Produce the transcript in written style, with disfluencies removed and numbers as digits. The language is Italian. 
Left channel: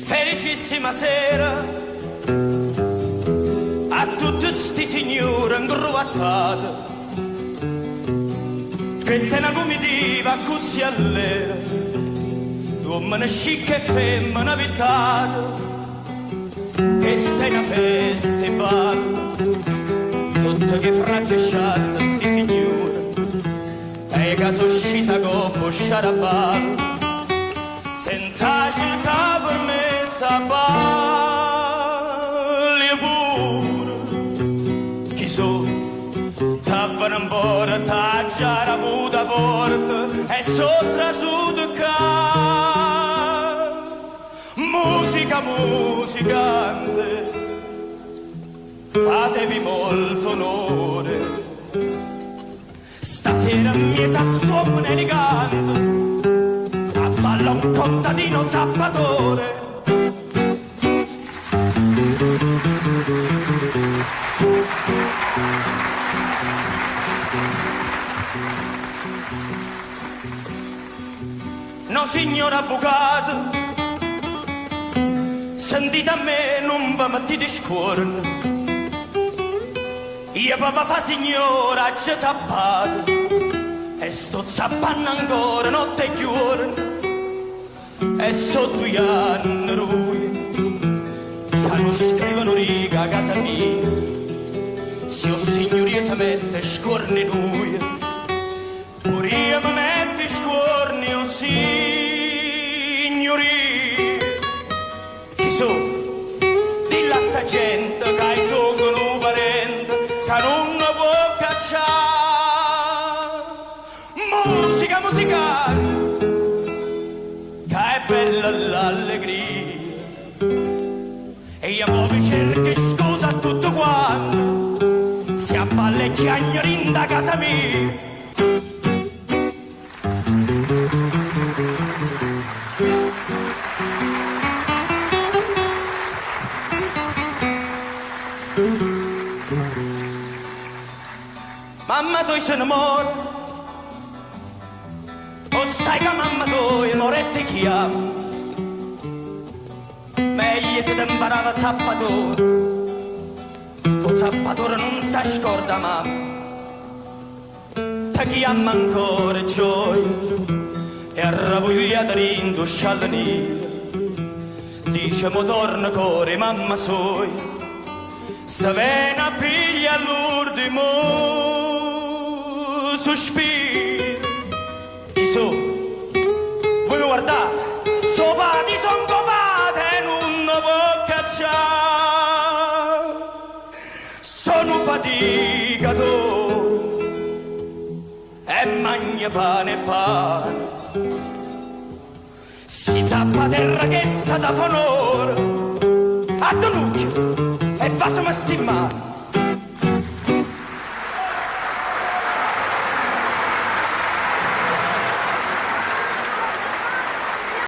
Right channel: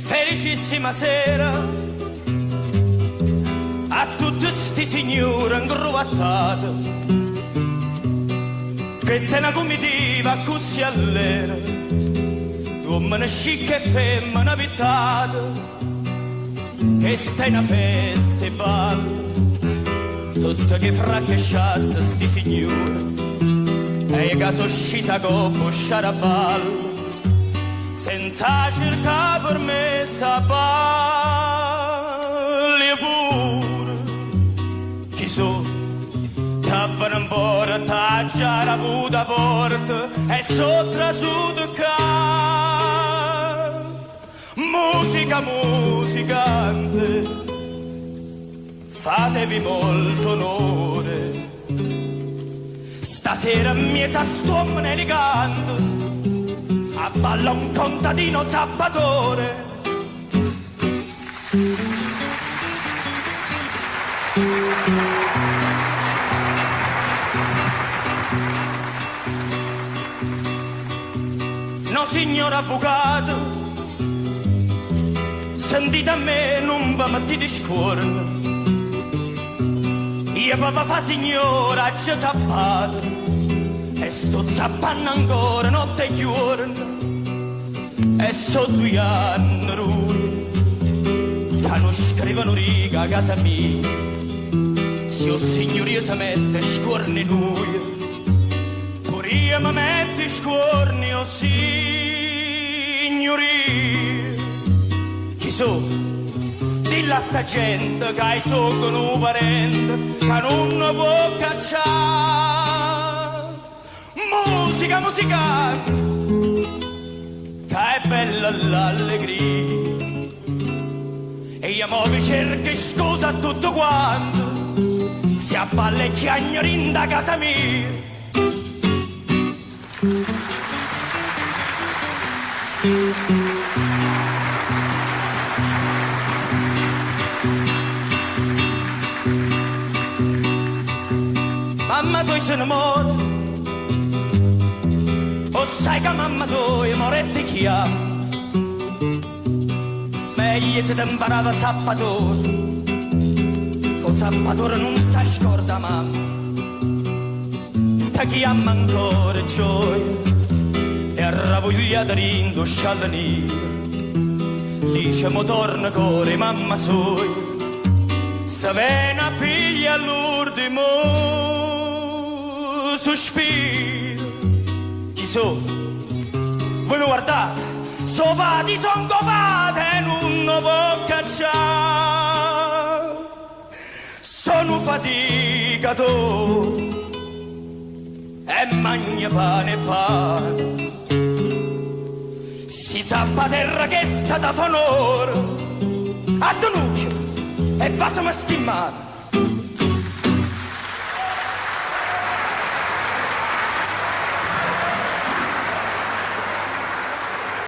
Felicissima sera a tutti sti signori ingruvattati. Questa è una comitiva così allera, uomini scicchi e femmine abitate. Questa è una festival, tutte che francesciasse sti signori, e caso scisa con sciaraballo, senza città per me sapaglia pure. Chi so, taffano un po' taggia la puta porta e sopra su ca. Musica, musicante, fatevi molto onore. Stasera mi fa stuomone di canto, a balla un contadino zappatore. No, signor avvocato, sentite a me, non va mettete scorno. Io papà fa signora, c'è zappato, e sto zappando ancora notte e giorno. E sto 2 anni lui, quando scrivono riga a casa mia, se o signoria si mette scorni lui, pure io mi metto scorni o signoria. Chi so? Dilla a sta gente che hai sopra un parente che non può cacciare. Musica, musicante, che è bella l'allegria, e io mo vi cerco scusa a tutto quanto, si abballa e chiagnori da casa mia. Mamma tu se ne muore, o sai che mamma tu è moretta chiama. Meglio se ti imparava zappatore, con zappatore non si scorda mamma. Ti chiama ancora gioia e arravogliata rinduscialla nera. Dice mo torna core mamma sua, se viene a piglia l'ultimo sospiro. Chi so? Voi mi guardate, sopati son copate e non può cacciare. Sono faticatore e magna pane e pane. Si zappa terra che sta da fanore, a Donucchio e va su stimmare.